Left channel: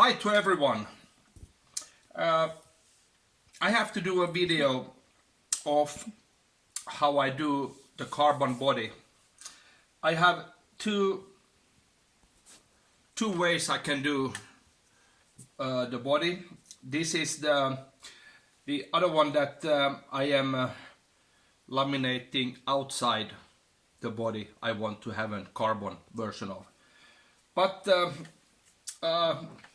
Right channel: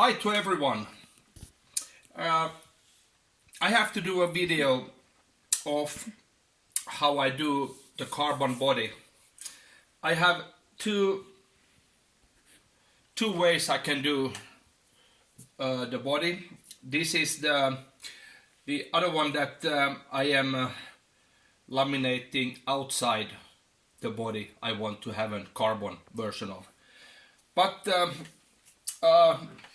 Hi to everyone. I have to do a video of how I do the carbon body. I have two ways I can do the body. This is the other one that I am laminating outside the body. I want to have a carbon version of. But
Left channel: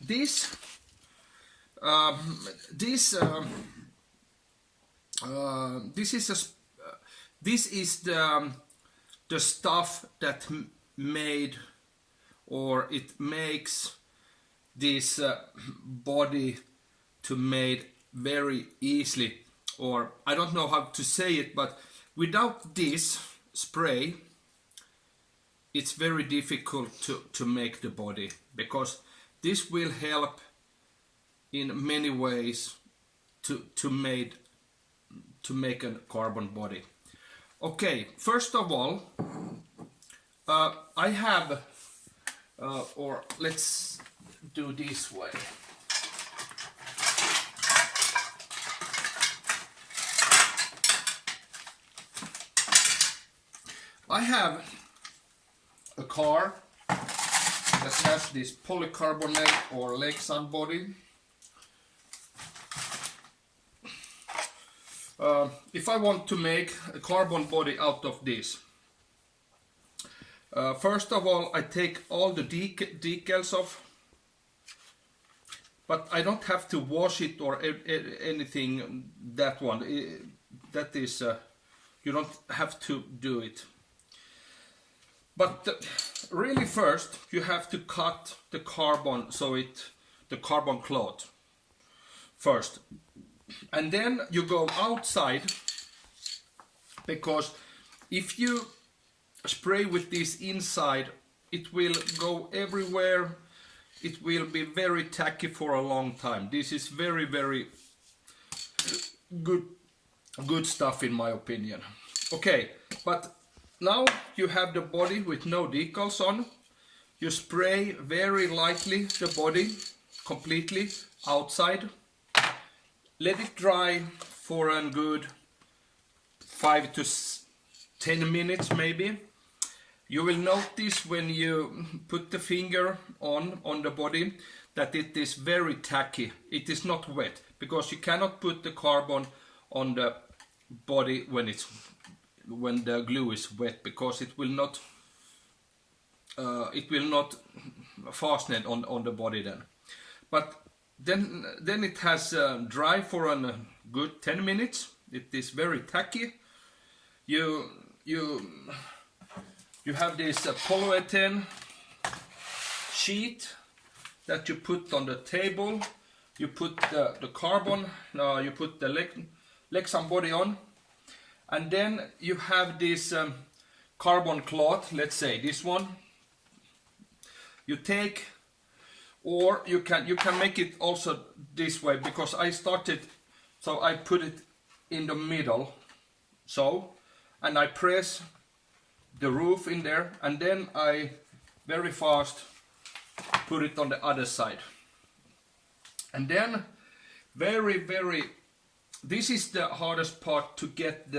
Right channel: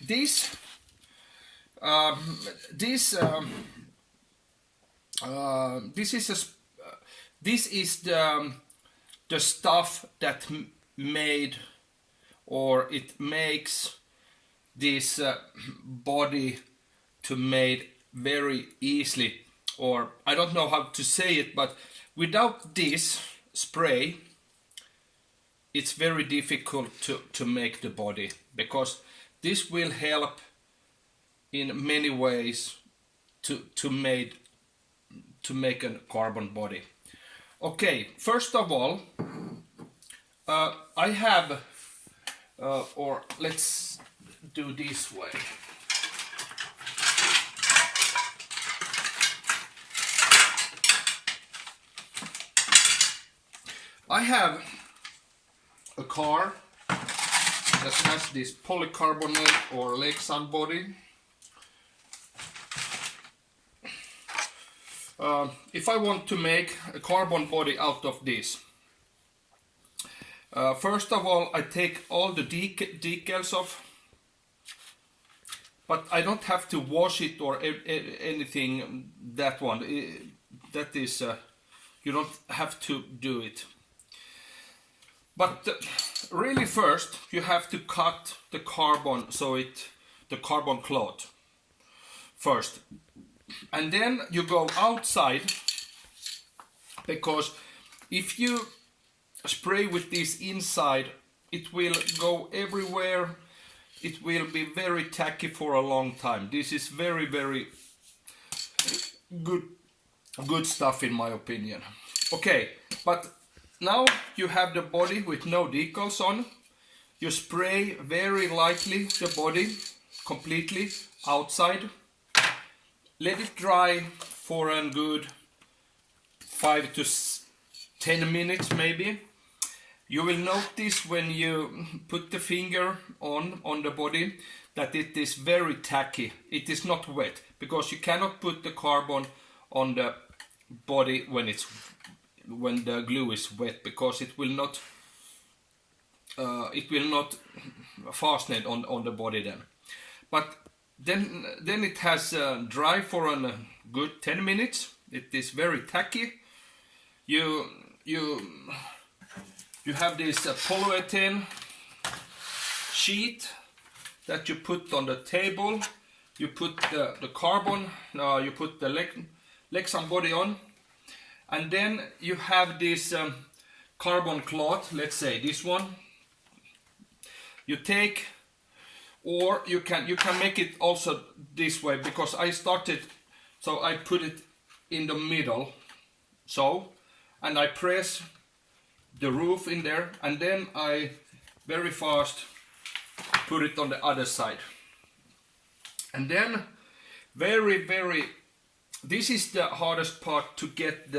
this is the stuff that made, or it makes this body to made very easily, or I don't know how to say it, but without this spray it's very difficult to make the body, because this will help in many ways to make a carbon body. Okay, first of all, I have, or let's do this way. I have a car that has this polycarbonate or Lexan body. If I want to make a carbon body out of this, first of all I take all the decals off, but I don't have to wash it or anything. That one, that is, you don't have to do it. But really first you have to cut the carbon, so the carbon cloth first, and then you go outside, because if you spray with this inside it will go everywhere. It will be very tacky for a long time. This is very good stuff in my opinion. Okay, but now you have the body with no decals on. You spray very lightly the body completely outside. Let it dry for a good 5 to 10 minutes maybe. You will notice when you put the finger on the body that it is very tacky. It is not wet, because you cannot put the carbon on the body when the glue is wet, because it will not fasten on the body then. But then it has dry for a good 10 minutes. It is very tacky. You have this polyethylene sheet that you put on the table. You put the carbon, you put the Lexan body on, and then you have this carbon cloth, let's say this one. You take, or you can make it also this way, because I started, so I put it in the middle, so, and I press the roof in there, and then I very fast put it on the other side. And then this is the hardest part, to get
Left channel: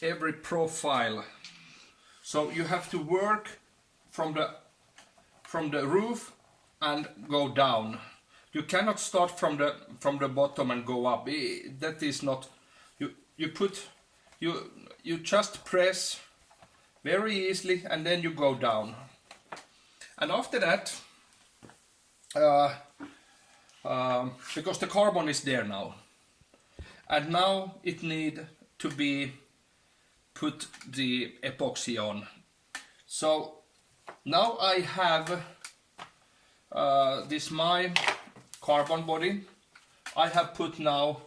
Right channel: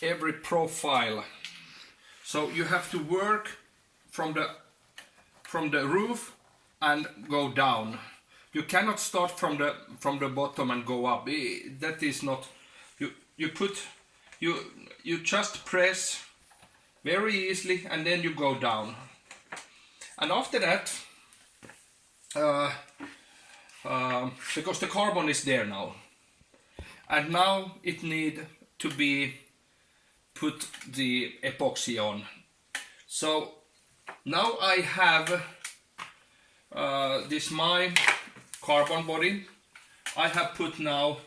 every profile. So you have to work from the roof and go down. You cannot start from the bottom and go up. That is not, you just press very easily and then you go down. And after that, because the carbon is there now, and now it need to be put the epoxy on. So now I have this my carbon body. I have put now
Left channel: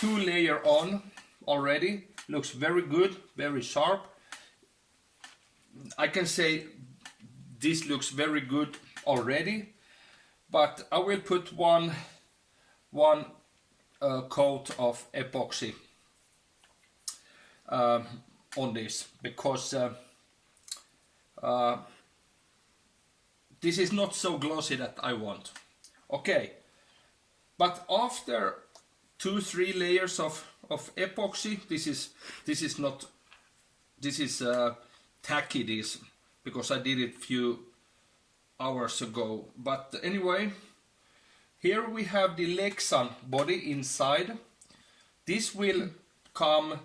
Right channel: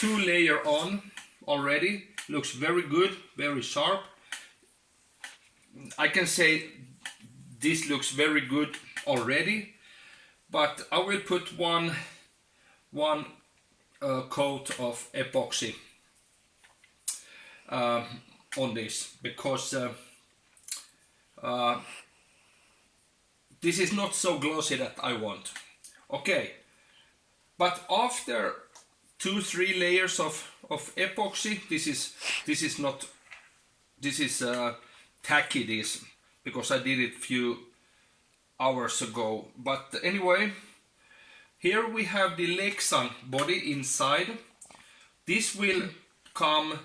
2 layers on already. Looks very good, very sharp. I can say this looks very good already, but I will put one coat of epoxy on this, because this is not so glossy that I want. Okay, but after 2-3 layers of epoxy, this is tacky, this, because I did it few hours ago. But anyway, here we have the Lexan body inside. This will come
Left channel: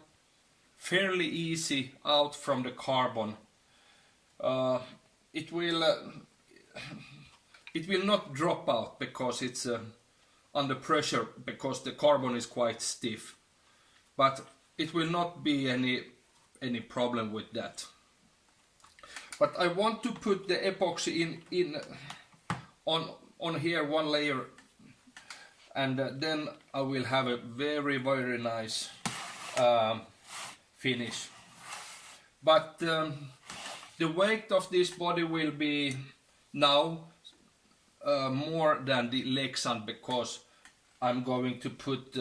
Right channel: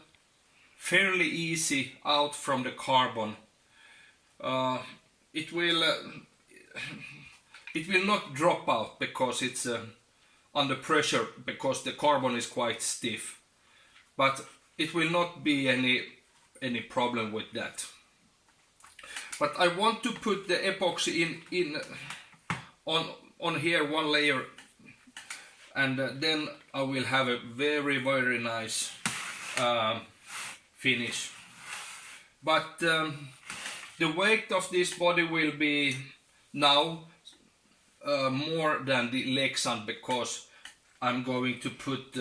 fairly easy out from the carbon. It will not drop out because it's under pressure, because the carbon is quite stiff. But it will not be any problem with that. But I want to put the epoxy in on here, one layer, and then I will have a very nice finish. But the weight of this body will be now more than the Lexan, because I'm going to put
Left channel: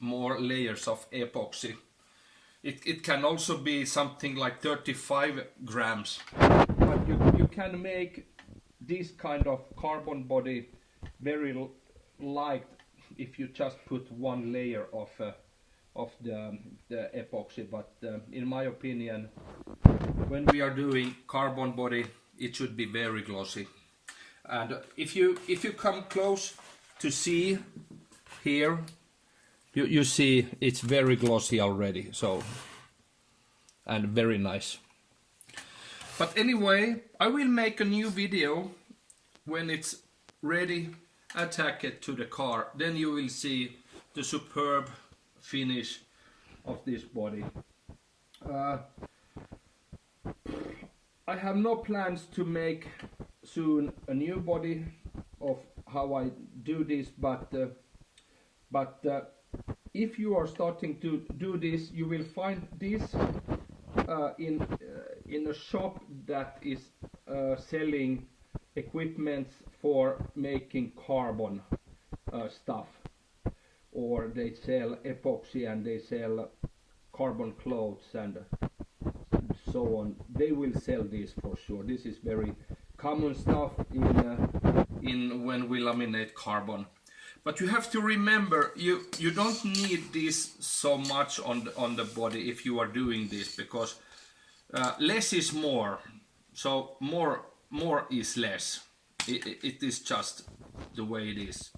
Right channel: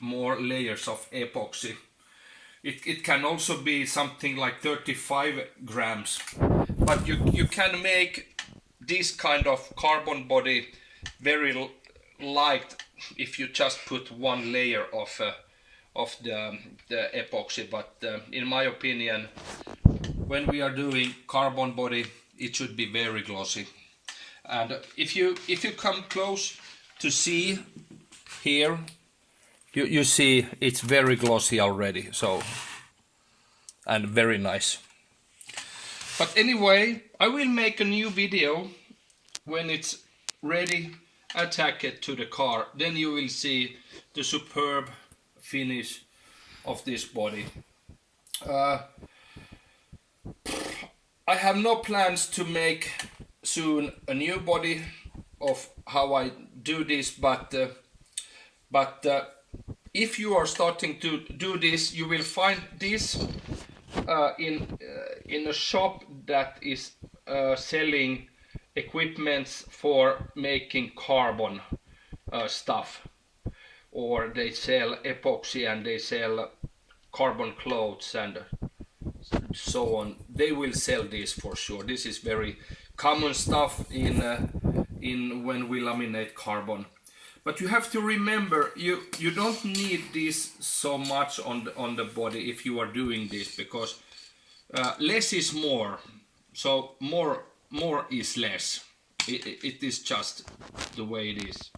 more layers of epoxy. It can also be something like 35 grams, but you can make this kind of carbon body very light if you just put one layer of the epoxy. But in my opinion, when we are doing carbon body, it should be very glossy. And if you come close to see here, you see it's very glossy already, so, and very nice. But anyway, I will make a new video when it's ready, attach it to the car, then you will see the superb finish of this body. I have no plans to make soon a new body of how I do this, but if you are starting to do this, you will find this in a shop that is selling equipments for making carbon stuff, or they sell epoxy and they sell carbon clothes and so on. They will sell this for sure. This is very common stuff in when we laminate carbon. But you have to remember, you don't need this so much on the body if you are doing this, because less is more. So more is less. It is just the way it is.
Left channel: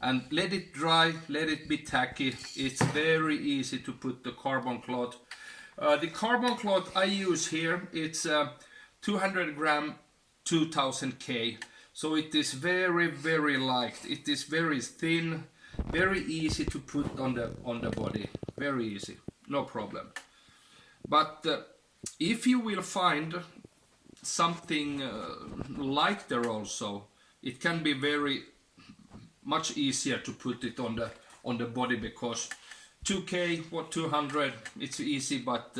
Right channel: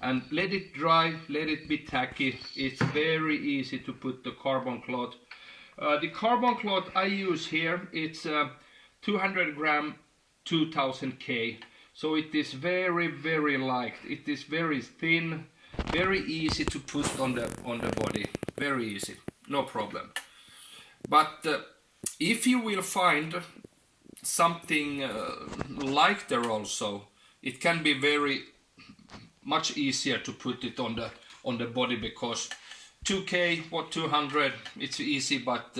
And let it dry, let it be tacky. It's very easy to put the carbon cloth. The carbon cloth I use here, it's 200 gram 2000 K. So it is very light. It is very thin, very easy to put on the body. Very easy, no problem. But if you will find something lighter also, it can be very much easier to put it on the body, because 2K or 200, it's easy, but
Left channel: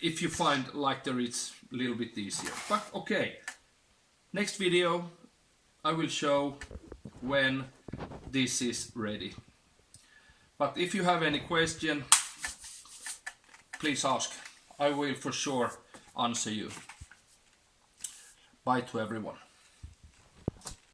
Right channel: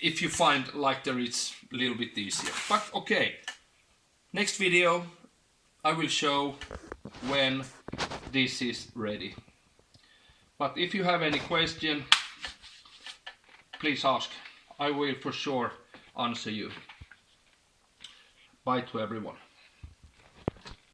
if you find lighter, it's a little bit easier. But okay. Next video I will show when this is ready. But if you have any question, please ask. I will for sure answer you. Bye to everyone.